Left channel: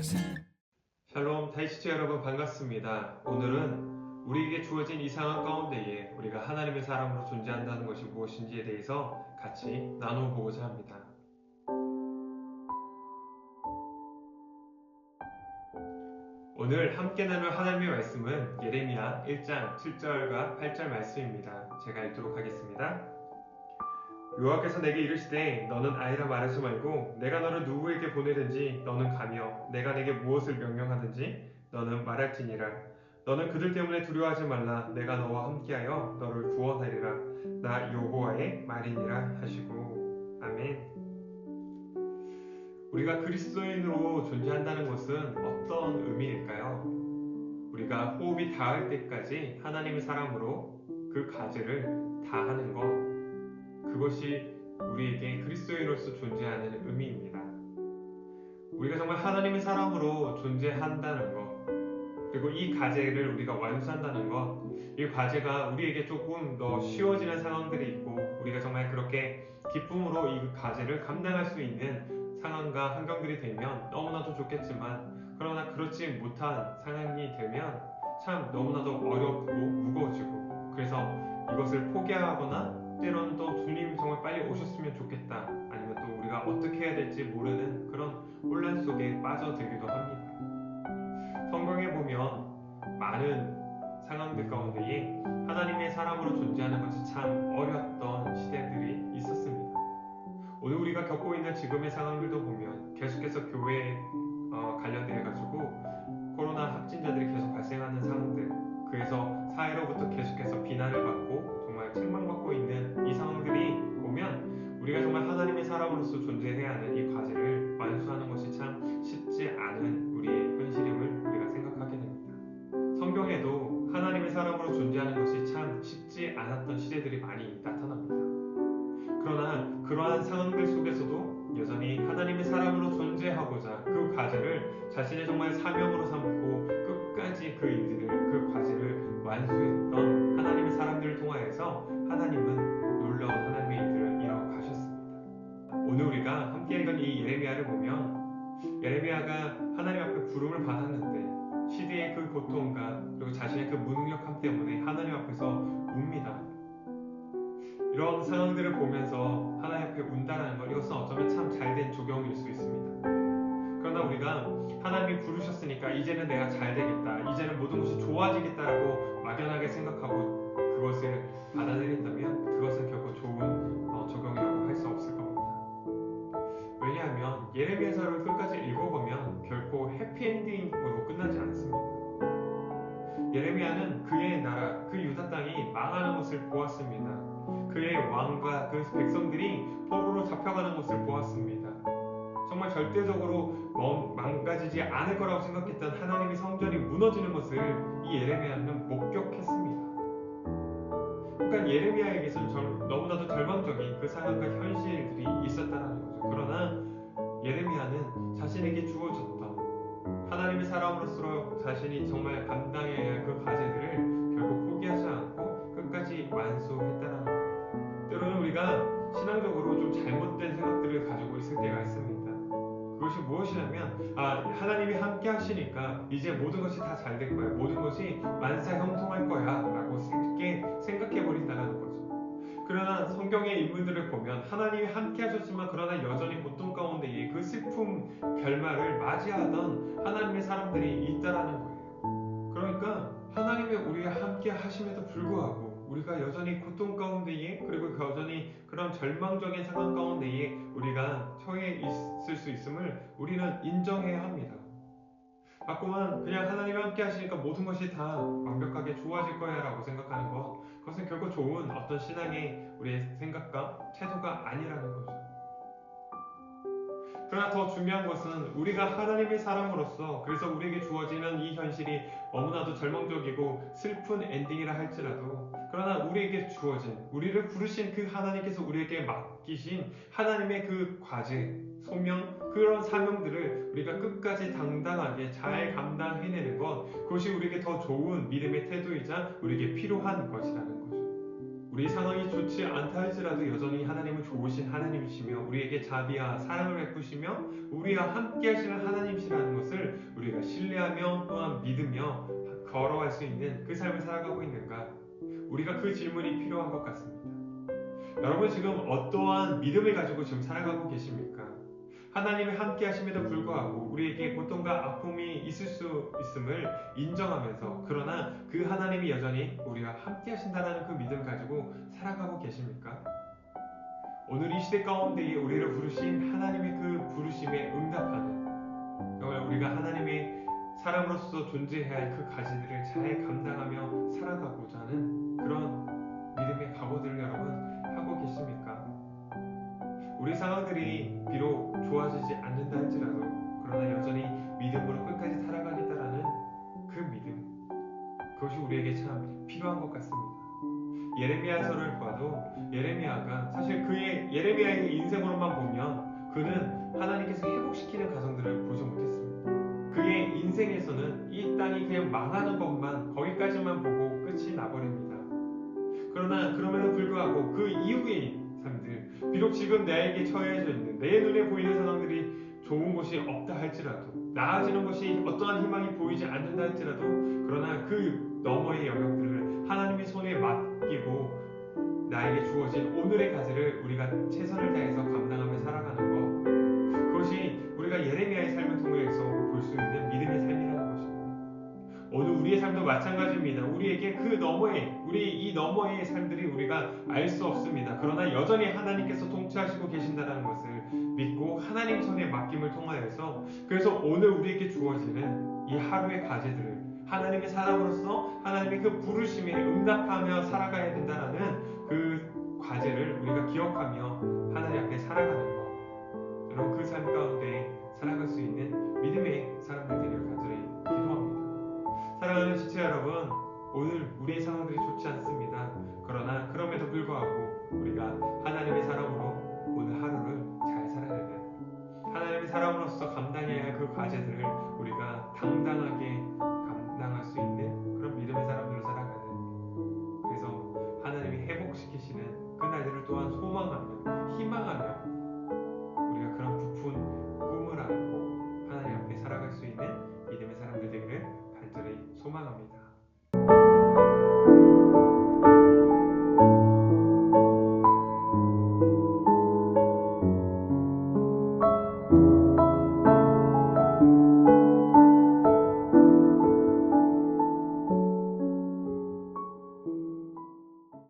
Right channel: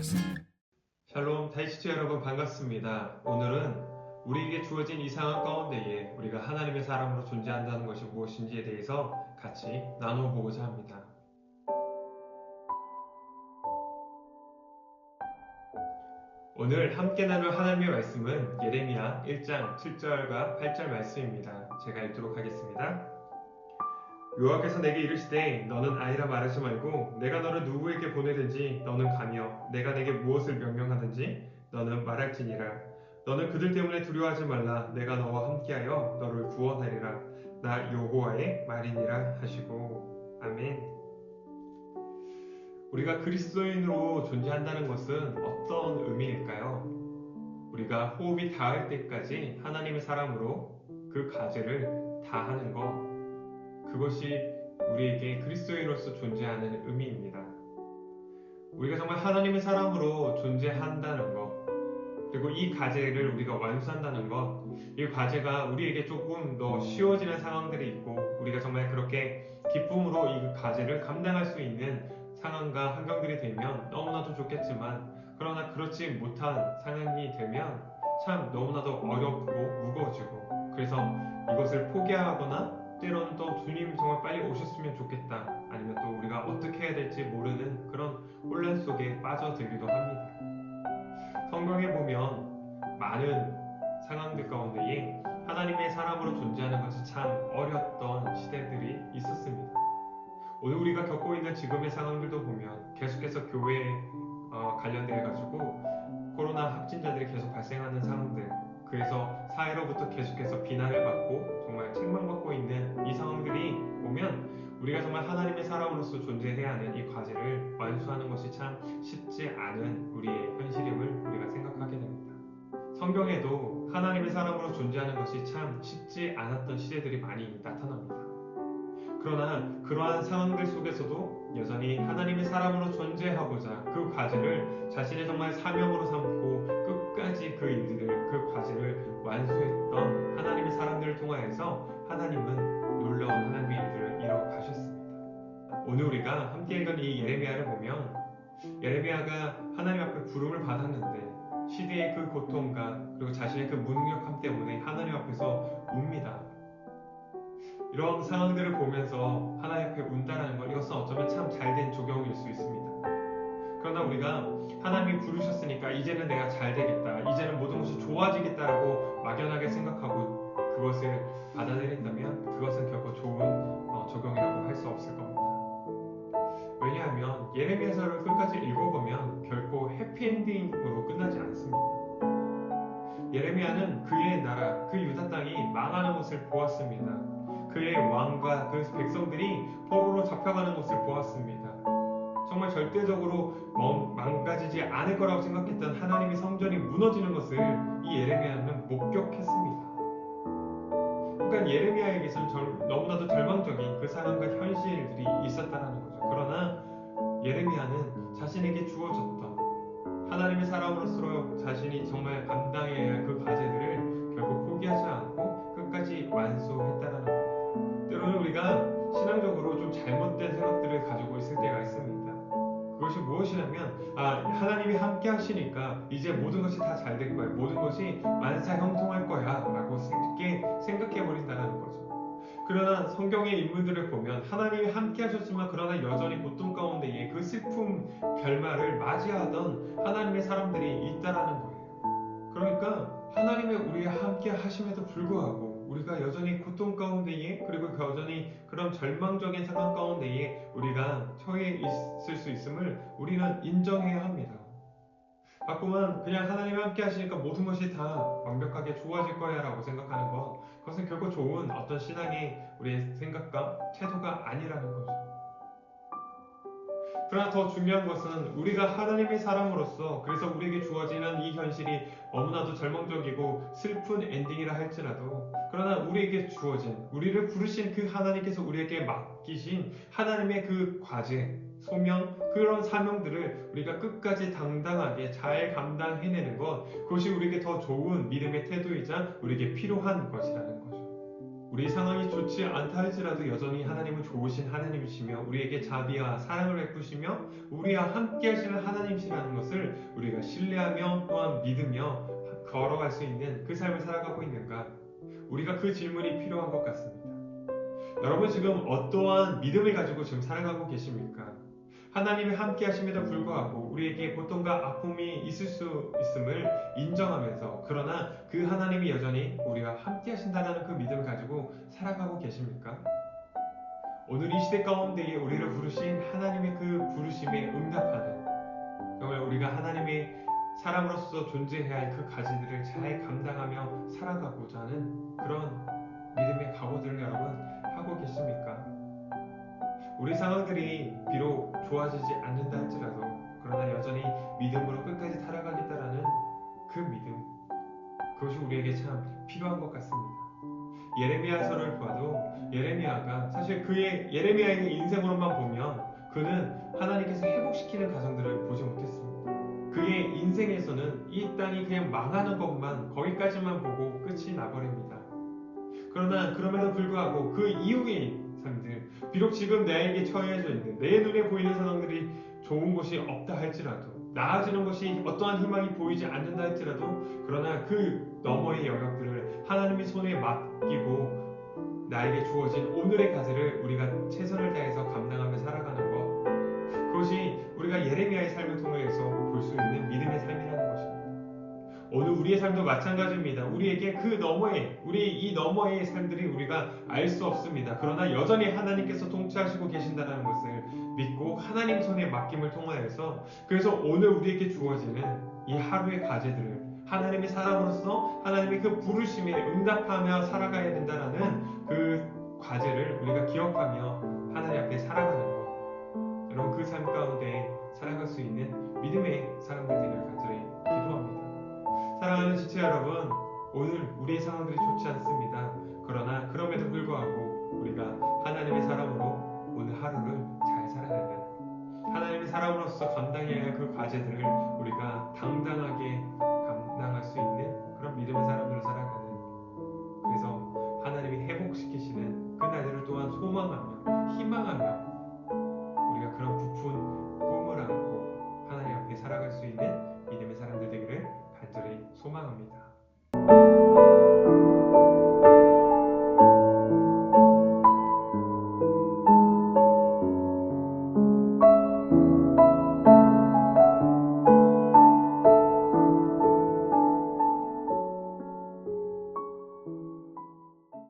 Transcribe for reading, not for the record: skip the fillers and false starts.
this. 샬롬 다이시츠 여러분 반갑습니다. 오늘은 우리에게 주어진 이 상황 가운데에 우리가 하나님의 사람으로 존재한다는 것이 무엇인지에 대해서 같이 나눠보고자 합니다. 오늘 함께 나눌 하나님의 말씀은 예레미야 1장 7절과 8절 말씀입니다. 제가 읽도록 하겠습니다. 여호와께서 내게 이르시되 너는 아이라 말하지 말고 내가 너를 누구에게 보내든지 너는 가며 내가 내게 무엇을 명령하든지 너는 말할지니라. 너는 그들 때문에 두려워하지 말라. 내가 너와 함께하여 너를 구원하리라. 나 여호와의 말이니라 하시고. 아멘. 우리가 그리스도인으로 존재한다는 것은 어떤 의미일까요? 우리가 호흡이 닿을 때까지 하나님의 사람으로 그 과제를 다하는 것, 그것이 우리에게 그리스도인으로서 존재하는 의미입니다. 우리가 정말 하나님의 사람으로 존재한다는 것, 그리고 이 과제를 우리가 완수한다는 것, 이 과제가 우리에게 조금 더 쉬워지는 상황들이 있고 우리가 정말 그렇게 기쁨으로 이 과제를 감당할 수 있는 상황과 환경들이 되면 너무나도 좋겠지만, 그러나 그렇지 못한 상황이 되면 참 너무나도 어렵고 무거워지고, 그래서 이것을 포기하거나 때로는 또 주님 정말 빨리 오셨으면 좋겠다, 아니면 또 우리가 어떻게 해야 될지 모르는 그런 혼란 속에 빠져들기도 합니다. 성경에 보면 많은 상황들 가운데에 하나님의 사람으로 존재하는 것이 참 어려웠던 시대들이 있었습니다. 오늘 우리가 겪고 있는 지금의 상황들도 보면 계속해서 교회에 관련되어 가지고 코로나 확진자들이 계속 발생하는 상황들, 그래서 사회로부터 계속해서 비난을 받고 정말 책망받고 있는 이 상황들이 보면 우리가 정말 하나님의 사람으로서 존재해야 하는 이 과제를 완수하는 것이 참 쉽지 않은 우리의 현실임을 우리가 생각하게 됩니다. 성경에도 하나님의 사람으로 존재하는 것이 참 쉽지 않았던 시대들이 많이 나타납니다. 그러나 그러한 상황들 속에서도 여전히 하나님의 사람으로 존재하고자 그 과제를 자신의 정말 사명으로 삼고 끝까지 그 일들을, 그 과제를 완수했던 하나님의 사람들을 통하여서 하나님은 놀라운 하나님의 일들을 이뤄가셨습니다. 오늘 우리가 함께 읽은 이 예레미야를 보면 예레미야가 하나님 앞에 부름을 받았는데 시대의 그 고통과 그리고 자신의 그 무능력함 때문에 하나님 앞에서 웁니다. 이런 상황들을 보면서 하나님 앞에 운다라는 것, 이것은 어쩌면 참 잘된 조경일 수 있습니다. 그러나 우리가 하나님이 부르셨으니까 이제는 내가 잘 되겠다, 이제는 모든 것이 좋아지겠다라고 막연하게 생각하고 그것을 받아들인다면 그것은 결코 좋은 조경이라고 할 수 없을 겁니다. 왜냐하면 예레미야서를 끝까지 읽어보면 결코 해피엔딩으로 끝나지 않습니다. 예레미야는 그의 나라, 그 유다 땅이 망하는 것을 보았습니다. 그의 왕과 그 백성들이 포로로 잡혀가는 것을 보았습니다. 정말 절대적으로 망가지지 않을 거라고 생각했던 하나님의 성전이 무너지는 것을 이 예레미야는 목격했습니다. 그러니까 예레미야에게서는 너무나도 절망적인 그 상황과 현실들이 있었다는 거죠. 그러나 예레미야는 자신에게 주어졌던 하나님의 사람으로서 자신이 정말 감당해야 할 그 과제들을 결국 포기하지 않고 끝까지 완수했다는 겁니다. 때로는 우리가 신앙적으로 좀 잘못된 생각들을 가지고 있을 때가 있습니다. 그것이 무엇이냐면 하나님이 함께 하시니까 이제 모든 것이 다 잘 될 거야, 모든 것이 만사형통할 거야 라고 쉽게 생각해 버린다는 거죠. 그러나 성경의 인물들을 보면 하나님이 함께 하셨지만 그러나 여전히 고통 가운데에 그 슬픔 결말을 맞이하던 하나님의 사람들이 있다라는 거예요. 그러니까 하나님의 우리와 함께 하심에도 불구하고 우리가 여전히 고통 가운데에, 그리고 여전히 그런 절망적인 상황 가운데에 우리가 처해 있을 수 있음을 우리는 인정해야 합니다. 자꾸만 그냥 하나님이 함께 하시니까 모든 것이 다 완벽하게 좋아질 거야 라고 생각하는 것, 그것은 결코 좋은 어떤 신앙의 우리의 생각과 태도가 아니라는 거죠. 그러나 더 중요한 것은 우리가 하나님의 사람으로서, 그래서 우리에게 주어지는 이 현실이 너무나도 절망적이고 슬픈 엔딩이라 할지라도, 그러나 우리에게 주어진, 우리를 부르신 그 하나님께서 우리에게 맡기신 하나님의 그 과제, 소명, 그런 사명들을 우리가 끝까지 당당하게 잘 감당해내는 것, 그것이 우리에게 더 좋은 믿음의 태도이자 우리에게 필요한 것이라는 거죠. 우리 상황이 좋지 않다 할지라도 여전히 하나님은 좋으신 하나님이시며 우리에게 자비와 사랑을 베푸시며 우리와 함께 하시는 하나님이시라는 것을 우리가 신뢰하며 또한 믿으며 걸어갈 수 있는 그 삶을 살아가고 있는가? 우리가 그 질문이 필요한 것 같습니다. 여러분 지금 어떠한 믿음을 가지고 지금 살아가고 계십니까? 하나님이 함께 하심에도 불구하고 우리에게 고통과 아픔이 있을 수 있음을 인정하면서 그러나 그 하나님이 여전히 우리와 함께 하신다는 그 믿음 가지고 살아가고 계십니까? 오늘 이 시대 가운데에 우리를 부르신 하나님의 그 부르심에 응답하는 정말 우리가 하나님의 사람으로서 존재해야 할 그 가지들을 잘 감당하며 살아가고자 하는 그런 믿음의 각오들을 여러분 하고 계십니까? 우리 상황들이 비록 좋아지지 않는다 할지라도 그러나 여전히 믿음으로 끝까지 살아가겠다라는 그 믿음, 그것이 우리에게 참 필요한 것 같습니다. 예레미야서를 봐도 예레미야가 사실 예레미야의 인생으로만 보면 그는 하나님께서 회복시키는 가정들을 보지 못했습니다. 그의 인생에서는 이 땅이 그냥 망하는 것만 거기까지만 보고 끝이 나버립니다. 그러나 그럼에도 불구하고 그 이후의 삶들, 비록 지금 나에게 처해져 있는 내 눈에 보이는 상황들이 좋은 것이 없다 할지라도 나아지는 것이 어떠한 희망이 보이지 않는다 할지라도 그러나 그 너머의 영역들을 하나님의 손에 맡기고 나에게 주어진 오늘의 과제를 우리가 최선을 다해서 감당하며 살아가는 것, 그것이 우리가 예레미야의 삶을 통해서 볼 수 있는 믿음의 삶이라는 것입니다. 오늘 우리의 삶도 마찬가지입니다. 우리에게 그 너머에, 우리 이 너머의 삶들이 우리가 알 수 없습니다. 그러나 여전히 하나님께서 통치하시고 계신다는 것을 믿고 하나님 손에 맡김을 통하여서 그래서 오늘 우리에게 주어지는 이 하루의 과제들을 하나님의 사람으로서 하나님의 그 부르심에 응답하며 살아가야 된다는 그 과제를 우리가 기억하며 하나님 앞에 살아가는 것. 여러분 그 삶 가운데 살아갈 수 있는 믿음의 사람들 되기를 간절히 기도합니다. 사랑하는 지체 여러분, 오늘 우리의 상황들이 좋지 않습니다. 그러나 그럼에도 불구하고 우리가 하나님의 사람으로 오늘 하루를 잘 살아내는 하나님의 사람으로서 감당해야 할 그 과제들을 우리가 당당하게 감당할 수 있는 그런 믿음의 사람들로 살아가는, 그래서 하나님이 회복시키시는 그 날들을 또한 소망하며 희망하며